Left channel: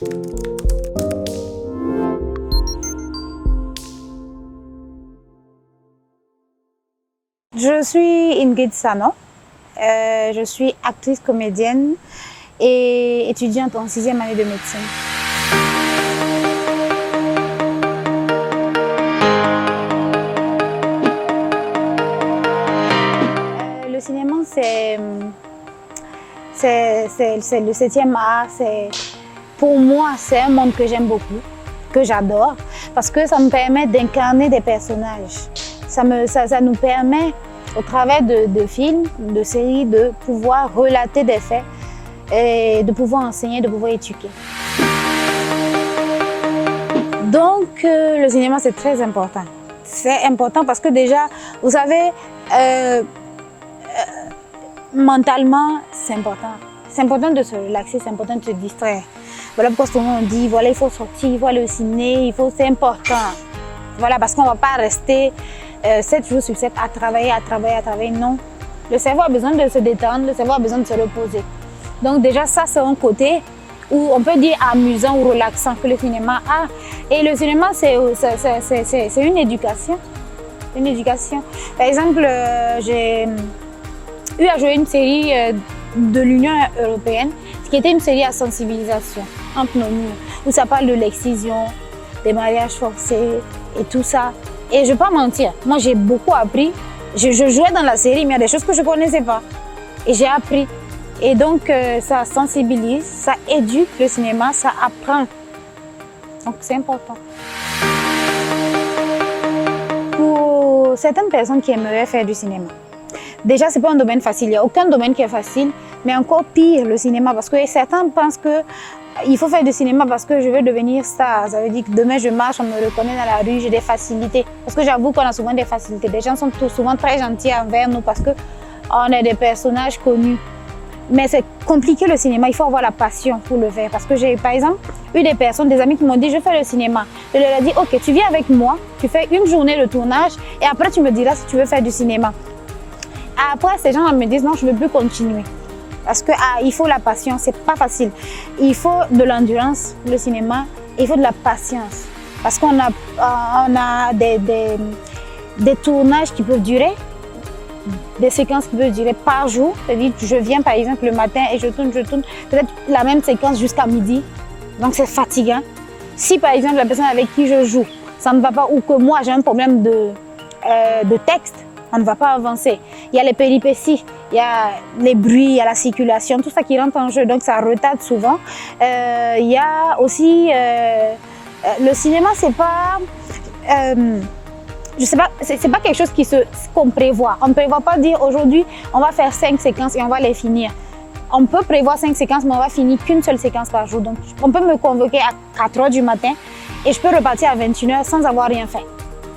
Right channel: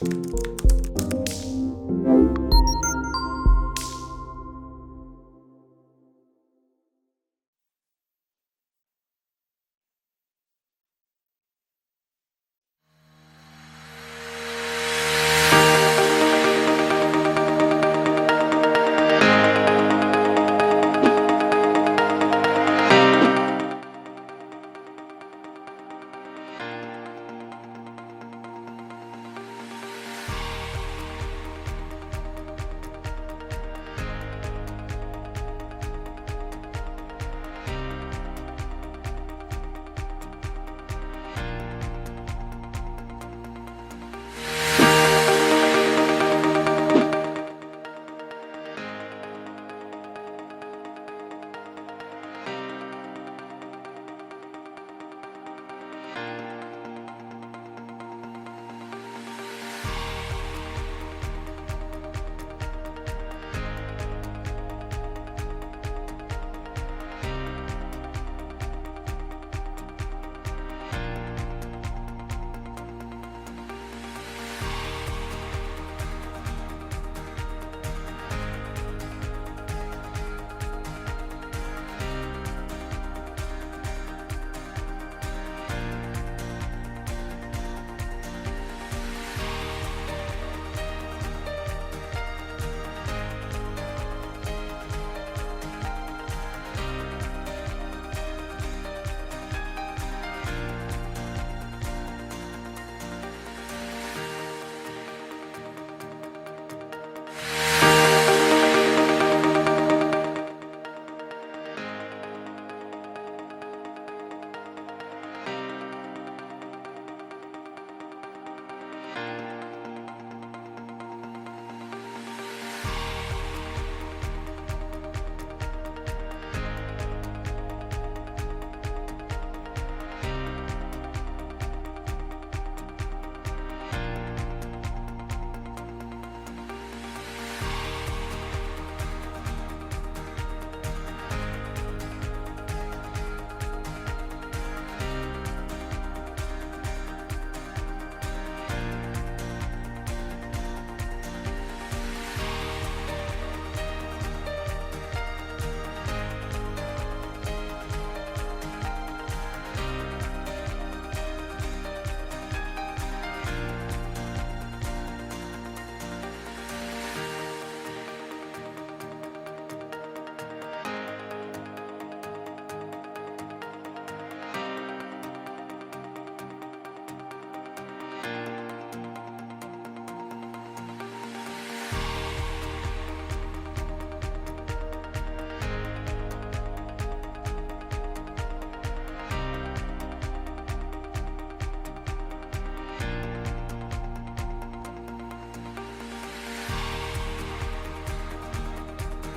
Je suis Ingrid Sano, je suis actrice, comédienne et étudiante en 6e année de médecine. Le cinéma, c'est le 7e art. Pour moi, c'est un monde que j'aime beaucoup, que j'adore, parce que ça me permet d'incarner des personnages. Ça nous permet, au travers de films, de séries, de pouvoir relater des faits et de pouvoir enseigner, de pouvoir éduquer. Donc, le cinéma, c'est très important. C'est important parce que déjà, vous savez, mentalement, c'est important. C'est important de se relaxer, c'est important de se distraire. Voilà pourquoi souvent on dit, voilà, il faut sortir, il faut aller au ciné, c'est important. Voilà, parce qu'on ne va pas rester 7 jours sur 7 à travailler. Non. Le cerveau a besoin de se détendre, le cerveau a besoin de se reposer. Donc déjà, ça, c'est un côté où on peut dire amusant ou relaxant que le cinéma a. Et le cinéma, c'est une éducation. Une éducation. Par exemple, j'ai eu à jouer une série de l'Union européenne, qui était une série à sensibilisation entre nos murs, où ça parle de l'excision, des mariages forcés et tout ça. Et je ne vais pas mentir, moi j'ai beaucoup appris. Je jouais dans la série, mais il y a des choses que je ne connaissais pas. Et j'ai appris. Et donc ça sensibilise, ça éduque le cinéma, ça apprend. Donc c'est important. Pour certaines personnes qui aimeraient faire du cinéma, déjà, ce n'est pas un domaine facile. Il n'y a aucun domaine qui est facile, mais encore pire, le cinéma. Parce que certains pensent qu'il faut faire du cinéma parce que je veux devenir star. Ça veut dire que demain, je marche, on me reconnaît dans la rue, j'ai des facilités. Parce que j'avoue qu'on a souvent des facilités. Les gens sont souvent très gentils envers nous parce qu'on est des personnages connus. Mais c'est compliqué le cinéma, il faut avoir la passion pour le faire. Parce que j'ai, par exemple, eu des personnes, des amis qui m'ont dit, je fais le cinéma. Je leur ai dit, ok, tu viens avec moi, tu fais une journée de tournage et après tu me diras si tu veux faire du cinéma. Après, ces gens me disent non, je ne veux plus continuer. Parce qu'il faut la patience, c'est pas facile. Il faut de l'endurance, le cinéma, il faut de la patience. Parce qu'on a des tournages qui peuvent durer, des séquences qui peuvent durer par jour. C'est-à-dire que je viens par exemple le matin et je tourne peut-être la même séquence jusqu'à midi. Donc c'est fatigant. Si par exemple la personne avec qui je joue, ça ne va pas ou que moi j'ai un problème de texte, on ne va pas avancer. Il y a les péripéties, il y a les bruits, il y a la circulation, tout ça qui rentre en jeu, donc ça retarde souvent. Il y a aussi le cinéma, c'est pas, je sais pas, c'est pas quelque chose qu'on prévoit. On ne prévoit pas dire aujourd'hui on va faire 5 séquences et on va les finir. On peut prévoir 5 séquences, mais on va finir qu'une seule séquence par jour. Donc on peut me convoquer à 4 h du matin et je peux repartir à 21 h sans avoir rien fait.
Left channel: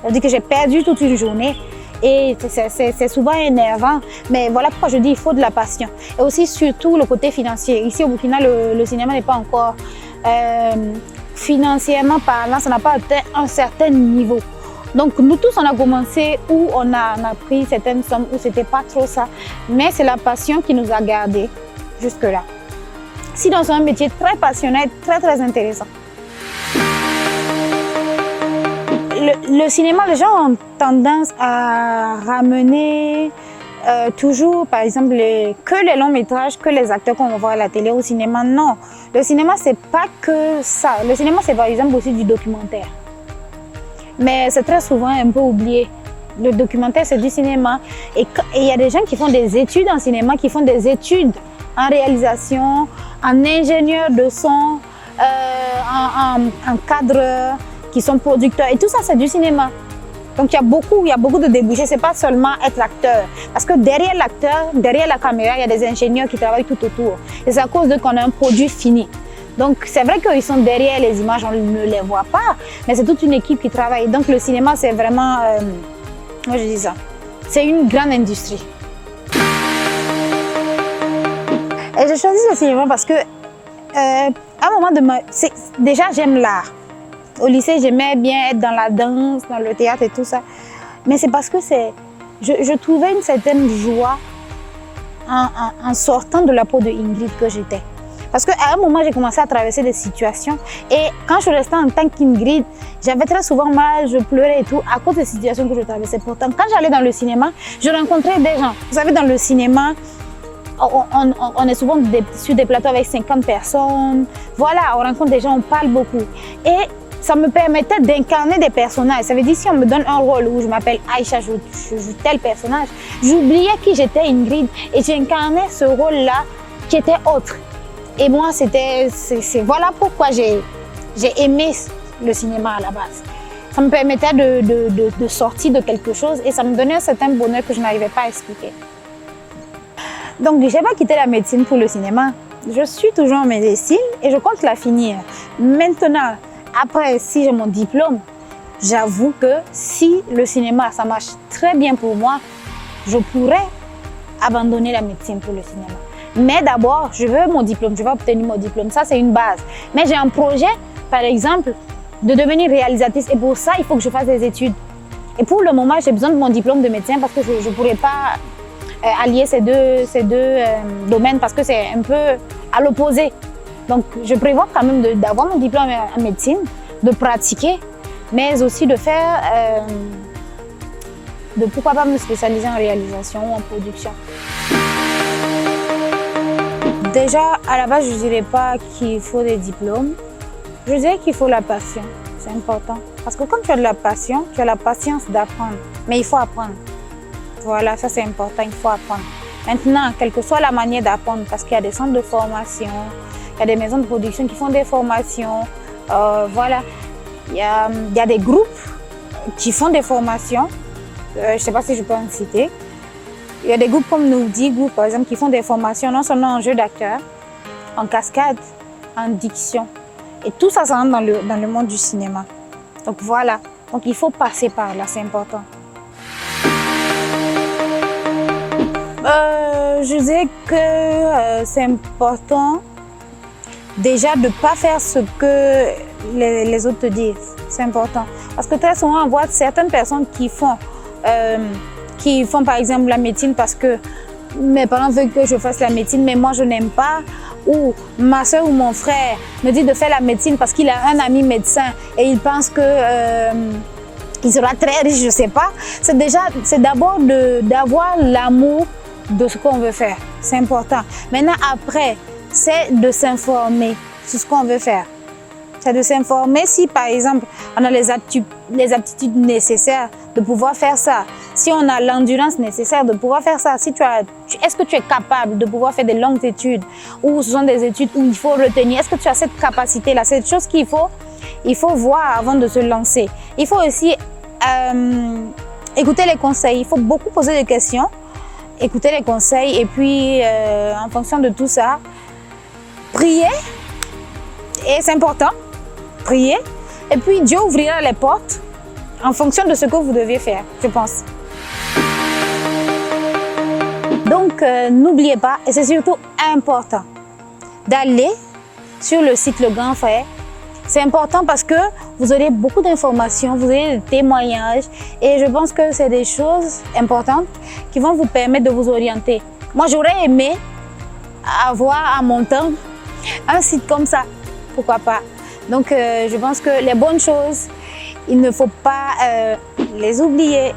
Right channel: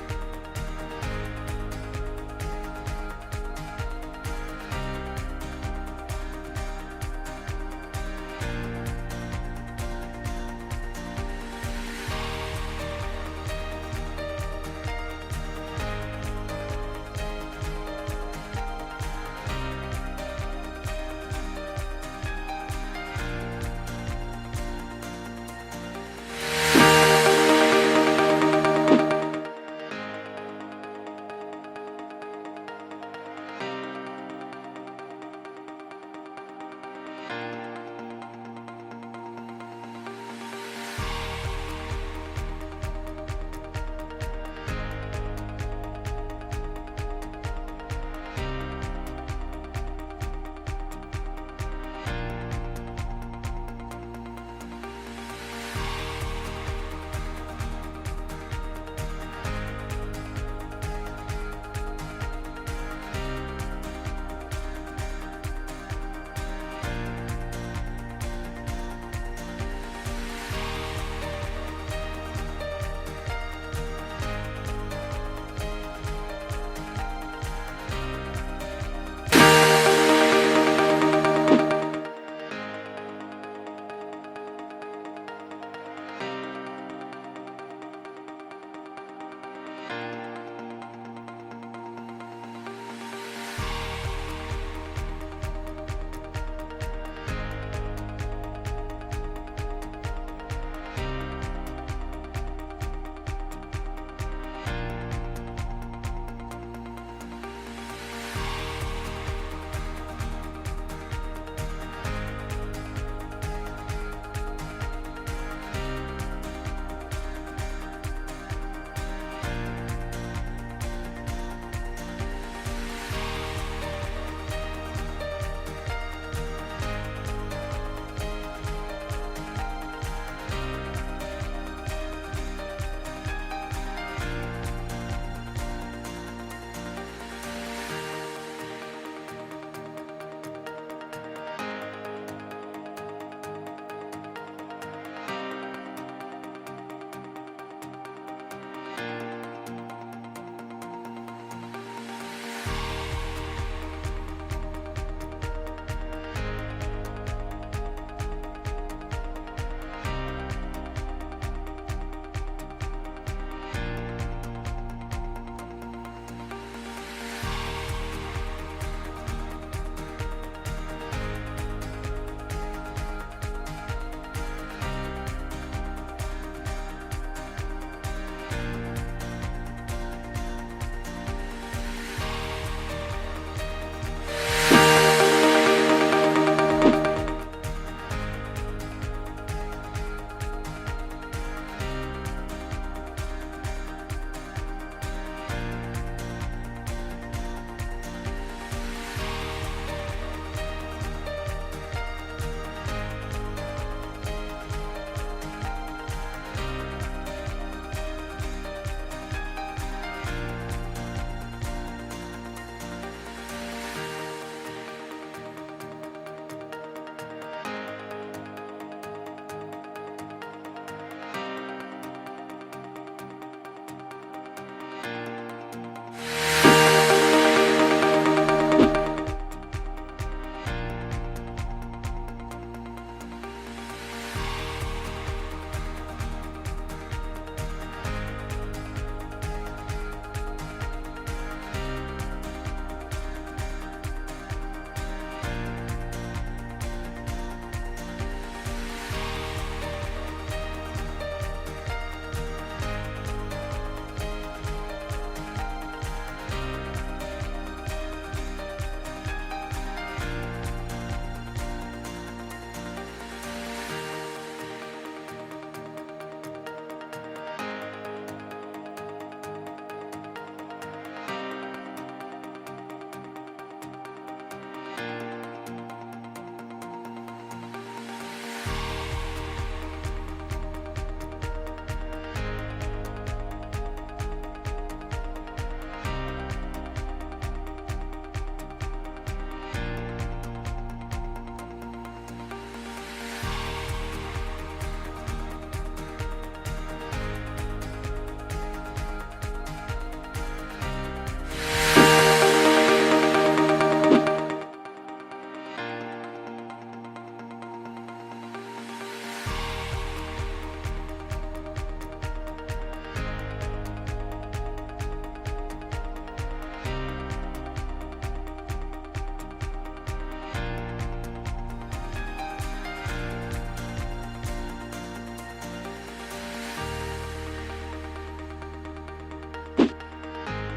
Ça veut dire que j'ai perdu toute une journée. Et c'est souvent énervant, mais voilà pourquoi je dis qu'il faut de la passion. Et aussi surtout le côté financier. Ici au Burkina, le cinéma n'est pas encore financièrement parlant, ça n'a pas atteint un certain niveau. Donc nous tous on a commencé où on a pris certaines sommes où c'était pas trop ça, mais c'est la passion qui nous a gardés jusque là. Sinon c'est un métier très passionnant, très intéressant. Le cinéma, les gens ont tendance à ramener toujours, par exemple, que les longs métrages, que les acteurs qu'on va voir à la télé au cinéma. Non, le cinéma, c'est pas que ça. Le cinéma, c'est par exemple aussi du documentaire. Mais c'est très souvent un peu oublié. Le documentaire, c'est du cinéma. Et il y a des gens qui font des études en cinéma, qui font des études en réalisation, en ingénieur de son, en cadreur, qui sont producteurs. Et tout ça, c'est du cinéma. Donc, il y a beaucoup de débouchés. Ce n'est pas seulement être l'acteur. Parce que derrière l'acteur, derrière la caméra, il y a des ingénieurs qui travaillent tout autour. Et c'est à cause d'eux qu'on a un produit fini. Donc, c'est vrai qu'ils sont derrière les images, on ne les voit pas. Mais c'est toute une équipe qui travaille. Donc, le cinéma, c'est vraiment... moi, je dis ça. C'est une grande industrie. Et j'ai choisi le cinéma parce que, à un moment de ma... Déjà, j'aime l'art. Au lycée, j'aimais bien être dans la danse, dans le théâtre et tout ça. Mais c'est parce que je trouvais une certaine joie en sortant de la peau de Ingrid que j'étais. Parce qu'à un moment, j'ai commencé à traverser des situations et quand je restais en tant qu'Ingrid, j'avais très souvent mal, je pleurais et tout à cause des situations que je traversais. Pourtant, quand j'allais dans le cinéma, je rencontrais des gens. Vous savez, dans le cinéma, on est souvent sur des plateaux avec 50 personnes. Voilà, on rencontre des gens, on parle beaucoup. Et ça me permettait d'incarner des personnages. Ça veut dire si on me donne un rôle où je m'appelle Aïcha, je joue tel personnage, j'oubliais qui j'étais, Ingrid, et j'incarnais ce rôle-là qui était autre. Et moi, voilà pourquoi j'ai aimé le cinéma à la base. Ça me permettait de sortir de quelque chose et ça me donnait un certain bonheur que je n'arrivais pas à expliquer. Donc, je n'ai pas quitté la médecine pour le cinéma. Je suis toujours en médecine et je compte la finir. Maintenant, après, si j'ai mon diplôme, j'avoue que si le cinéma, ça marche très bien pour moi, je pourrais abandonner la médecine pour le cinéma. Mais d'abord, je veux mon diplôme, je vais obtenir mon diplôme. Ça, c'est une base. Mais j'ai un projet, par exemple, de devenir réalisatrice. Et pour ça, il faut que je fasse des études. Et pour le moment, j'ai besoin de mon diplôme de médecin parce que je ne pourrais pas allier ces deux domaines parce que c'est un peu à l'opposé. Donc, je prévois quand même d'avoir mon diplôme en médecine, de pratiquer, mais aussi de faire, de pourquoi pas me spécialiser en réalisation ou en production. Déjà, à la base, je ne dirais pas qu'il faut des diplômes. Je dirais qu'il faut la passion. C'est important. Parce que comme tu as de la passion, tu as la patience d'apprendre. Mais il faut apprendre. Voilà, ça c'est important, il faut apprendre. Maintenant, quelle que soit la manière d'apprendre, parce qu'il y a des centres de formation, il y a des maisons de production qui font des formations. Voilà, il y a des groupes qui font des formations. Je ne sais pas si je peux en citer. Il y a des groupes comme Noudi Group, par exemple, qui font des formations non seulement en jeu d'acteur, en cascade, en diction. Et tout ça, ça rentre dans le monde du cinéma. Donc voilà, donc il faut passer par là, c'est important. Je dirais que c'est important déjà de ne pas faire ce que les autres te disent. C'est important. Parce que très souvent, on voit certaines personnes qui font par exemple la médecine parce que mes parents veulent que je fasse la médecine, mais moi je n'aime pas. Ou ma soeur ou mon frère me dit de faire la médecine parce qu'il a un ami médecin et il pense que il sera très riche, je ne sais pas. C'est d'abord d'avoir l'amour de ce qu'on veut faire. C'est important. Maintenant, après, c'est de s'informer sur ce qu'on veut faire. C'est de s'informer si, par exemple, on a les aptitudes nécessaires de pouvoir faire ça. Si on a l'endurance nécessaire de pouvoir faire ça. Est-ce que tu es capable de pouvoir faire des longues études ou ce sont des études où il faut retenir? Est-ce que tu as cette capacité-là? C'est une chose qu'il faut voir avant de se lancer. Il faut aussi écouter les conseils. Il faut beaucoup poser des questions, écouter les conseils et puis, en fonction de tout ça, prier. Et c'est important. Prier, et puis Dieu ouvrira les portes en fonction de ce que vous devez faire, je pense. Donc, n'oubliez pas, et c'est surtout important, d'aller sur le site Le Grand Frère. C'est important parce que vous aurez beaucoup d'informations, vous aurez des témoignages, et je pense que c'est des choses importantes qui vont vous permettre de vous orienter. Moi, j'aurais aimé avoir à mon temps un site comme ça, pourquoi pas. Donc, je pense que les bonnes choses, il ne faut pas les oublier.